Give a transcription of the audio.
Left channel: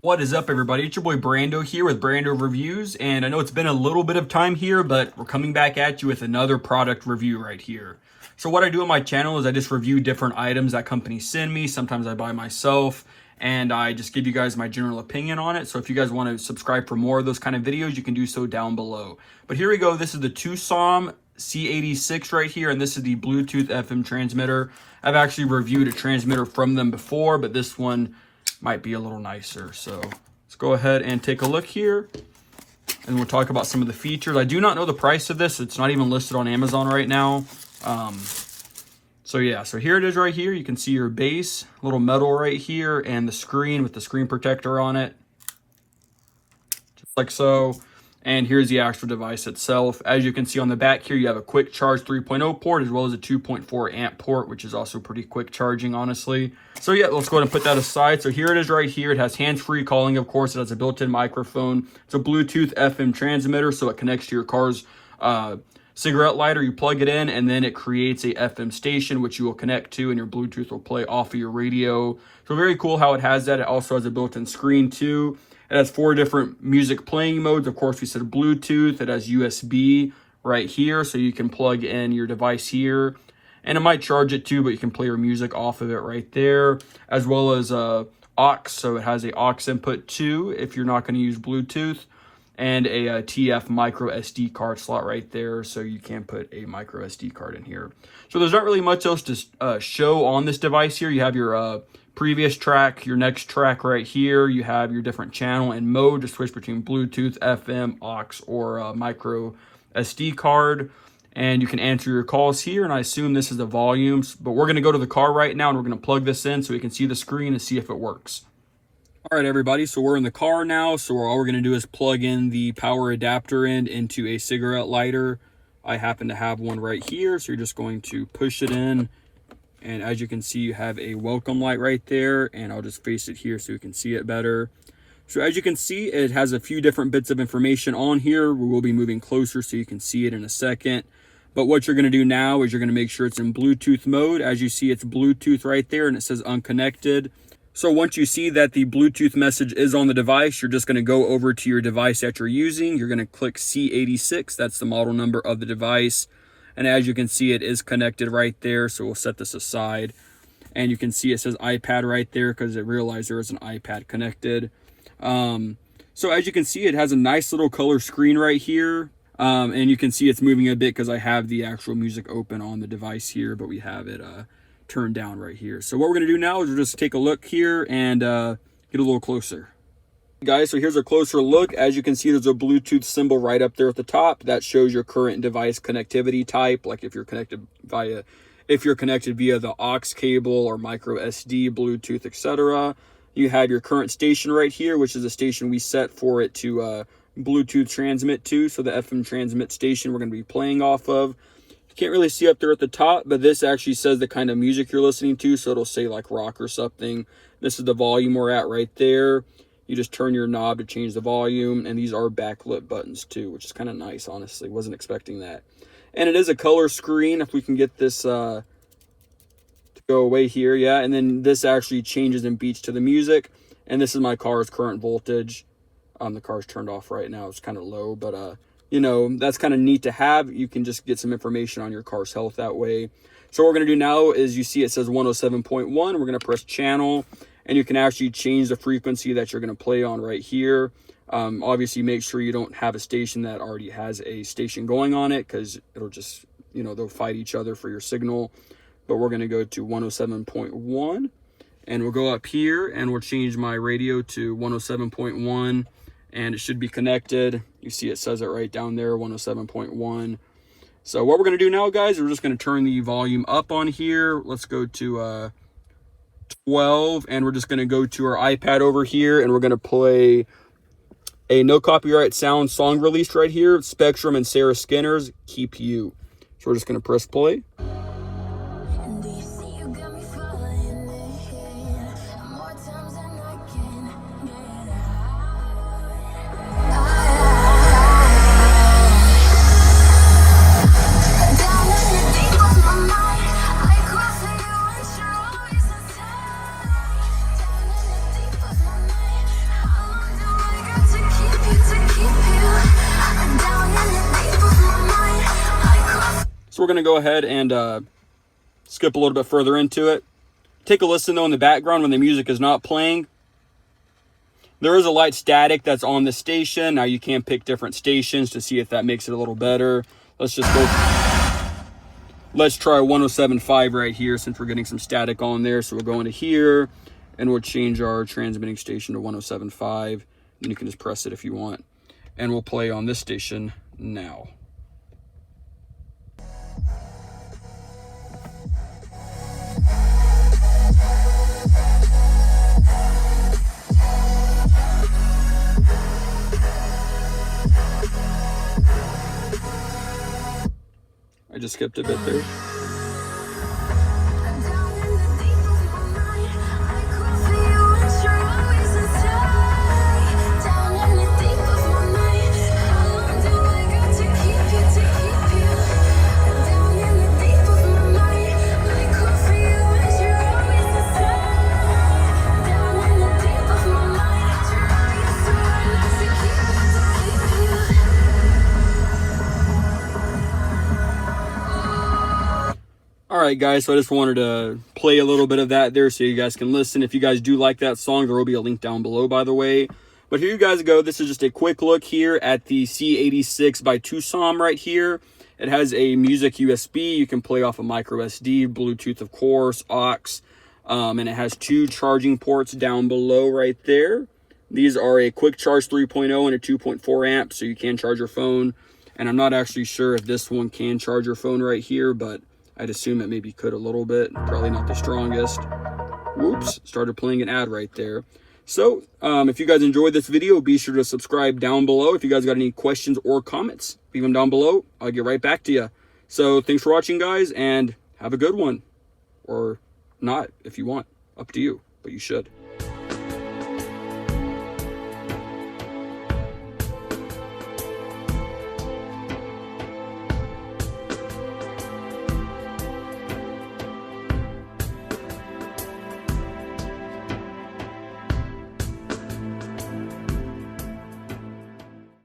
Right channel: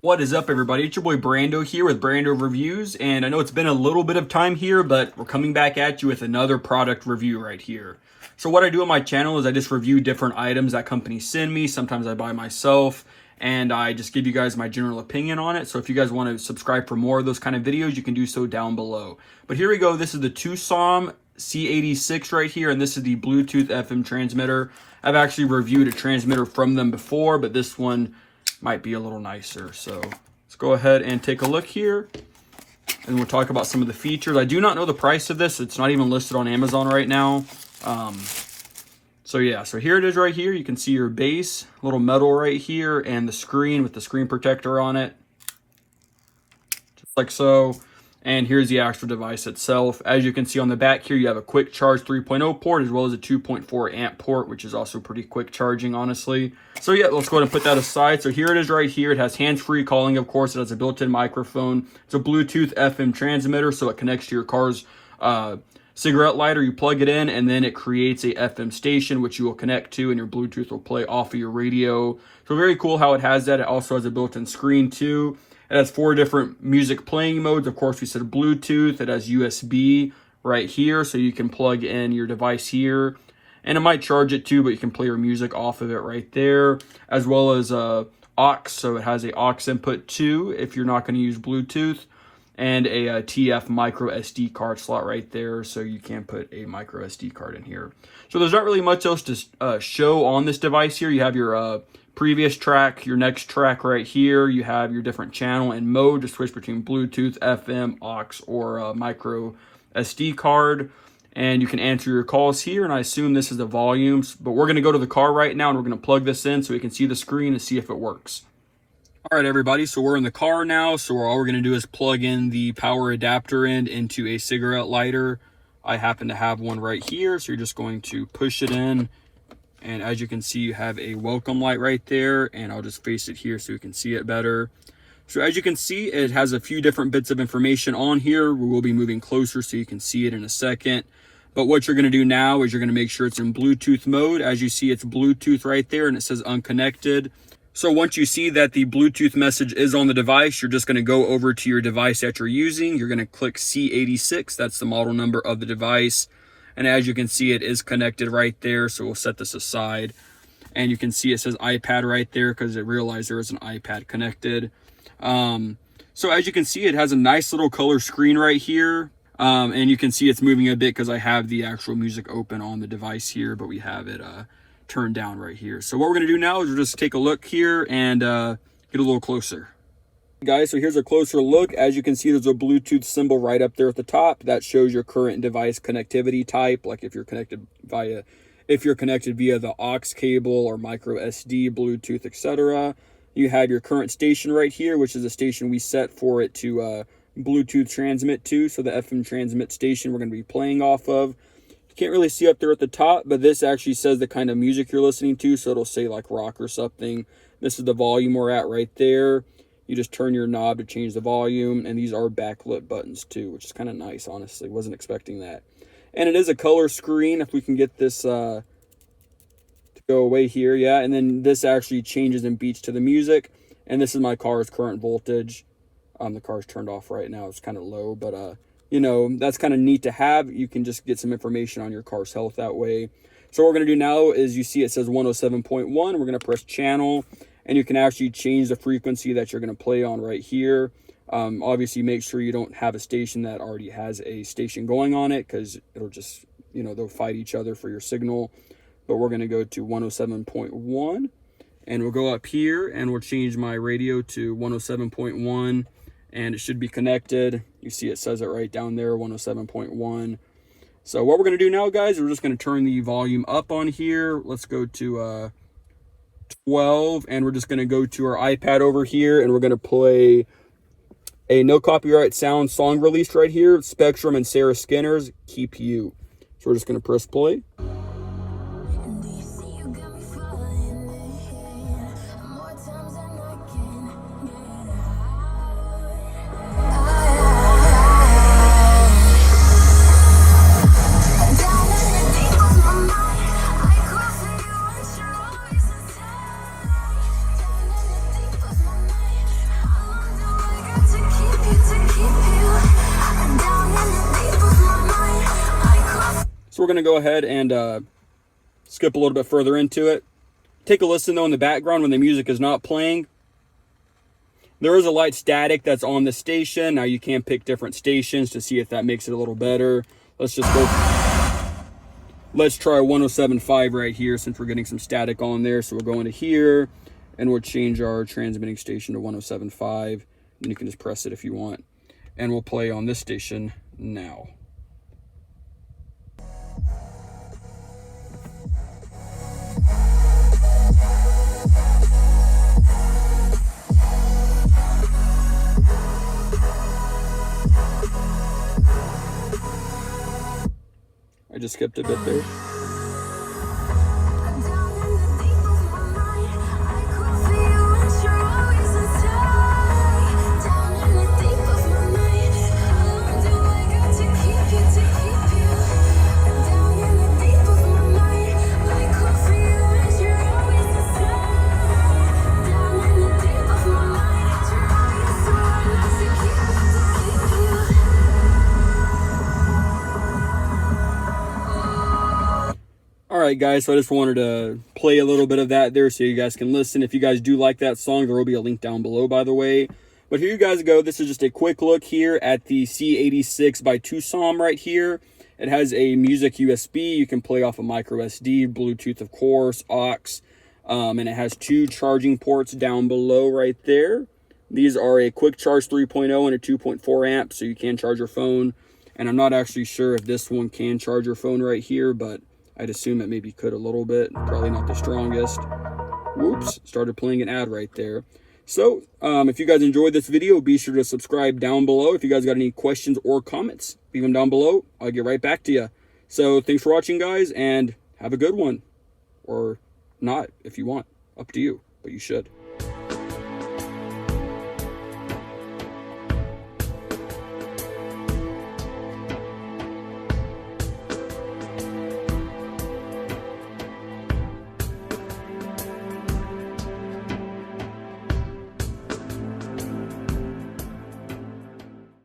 What is up, everybody? It's your boy Brando here with Brando Reviews, and I know it's been a little bit of time here, but we're coming back at you with another product review right here. So what I do on my channel is I just review different items that companies send me. Sometimes I buy myself, and I just give you guys my general opinion on it. So if you guys want to subscribe for more of those kind of videos, you can do so down below. But here we go. This is the Tsnam C86 right here, and this is the Bluetooth FM transmitter. I've actually reviewed a transmitter from them before, but this one might be a little nicer. So let's go ahead and take a look here, and we'll talk about some of the features. I do not know the price of this. It's not even listed on Amazon right now. So yeah, so here it is right here. You can see your base, little metal right here, and the screen with the screen protector on it, just like so. And here's the actual device itself. As you can see on the back here, you have a quick charge 3.0 port as well as a 2.4 amp port, which is also pretty quick charging, honestly. So yeah, let's go ahead and put that aside. So here it is right here. It has hands-free calling, of course. It has a built-in microphone. It's a Bluetooth FM transmitter, so it connects to your car's cigarette lighter. You plug it in, and then it creates a FM station, which you will connect to, and your Bluetooth will play off of your radio. So very cool how it has that. It also has a built-in screen, too. It has 4 different music playing modes. Of course, we said Bluetooth. It has USB right here, so you can plug in your device here. And it might charge it too, but you can play your music off of it right there. As well as aux, so it has a aux input too, if you're not going to use Bluetooth. And a TF micro SD card slot right there, so you can put a micro SD card in here. So there's not really much else to show on this device here. You have your previous track, your next track right here. You have your different channel and mode to switch between Bluetooth, FM, aux, or micro SD card. And you can answer your calls here, and I assume this is the volumes. But we're going to go to the car right now, and we're going to plug this in so we can see the screen and see if it works. All right, everybody, so we're in the car now. So all we're going to do is plug in the power adapter end into a cigarette lighter. I happen to have one right here, so you're just going to push it in. And as you can see, you have a welcome light right there, and I'll just face it here so you can see it better. So as you can see, it has a few different bits of information on here. We will be moving closer so you can see it in a second. But what you're going to do now is you're going to make sure it's in Bluetooth mode. As you see, it's Bluetooth right there, and it says unconnected. So once you see that the Bluetooth message is on the device, you're just going to go over to your device that you're using. You're going to click C86. That's the model number of the device. And as you can see, it is connected right there. So we'll set this aside. And you can see it says iPad right there because it realized there is an iPad connected. So as you can see, it has a nice little color screen right here. And you can see it's moving a bit because I have the actual music open on the device here, but we have it turned down right here. So what we're going to do now is we'll just take a look here and get a little closer. Guys, so here's a closer look. As you can see, there's a Bluetooth symbol right up there at the top that shows your current device connectivity type, like if you're connected via the aux cable or micro SD, Bluetooth, etc. You have your current station right here, which is the station we set for it to Bluetooth transmit to, so the FM transmit station we're going to be playing off of. You can't really see up there at the top, but this actually says the kind of music you're listening to, so it'll say like rock or something. This is the volume we're at right there. You just turn your knob to change the volume, and these are backlit buttons too, which is kind of nice, honestly. Wasn't expecting that. And it is a color screen, if we can get this to go away here, yeah. And then this actually changes and beats to the music. And this is my car's current voltage. The car's turned off right now. It's kind of low, but you know, that's kind of neat to have. You can just get some information on your car's health that way. So what we're going to do now is, you see it says 107.1. We're going to press channel. And you can actually change the frequency that you're going to play on right here. Obviously, make sure you don't have a station that already has a station going on it, because it'll just, you know, they'll fight each other for your signal. But we're going to go to 107.1. And we'll go up here, and we'll change my radio to 107.1. And it should be connected. You see it says it right down there, 107.1. So what we're going to do now, guys, is we're just going to turn the volume up on here. Let's go to 12, and we're just going to go to our iPad over here, and we're going to play a no copyright sound song released right here, Spectrum and Sarah Skinner's Keep You. So we're just going to press play. So we're going to go ahead and skip a little bit further into it. Take a listen though in the background when the music is not playing. There is a light static that's on the station. Now you can pick different stations to see if that makes it a little better. Let's just go. Let's try 107.5 right here since we're getting some static on there. So we'll go into here and we'll change our transmitting station to 107.5. And you can just press it if you want. And we'll play on this station now. I just skipped a bit there. Alright guys, so I just wanted to play a little bit of that there so you guys can listen. If you guys do like that song, there will be a link down below, by the way. But here you guys go. This is just a quick look here at the C86 by Tsnam right here. It has a music USB. You can play off a micro SD, Bluetooth of course, aux, and it has 2 charging ports down below right there. These are a quick charge 3.0 and a 2.4 amp, so you can charge your phone. And I'm not actually sure if this one can charge your phone right here, but I'd assume it maybe could a little bit. Probably not the strongest. Whoops, started playing an ad right there. So, if you guys enjoyed this video, be sure to subscribe down below. If you guys got any questions or comments, leave them down below. I'll get right back to you. So, thanks for watching, guys, and have a good one. Or not, if you want. Up to you, but you should.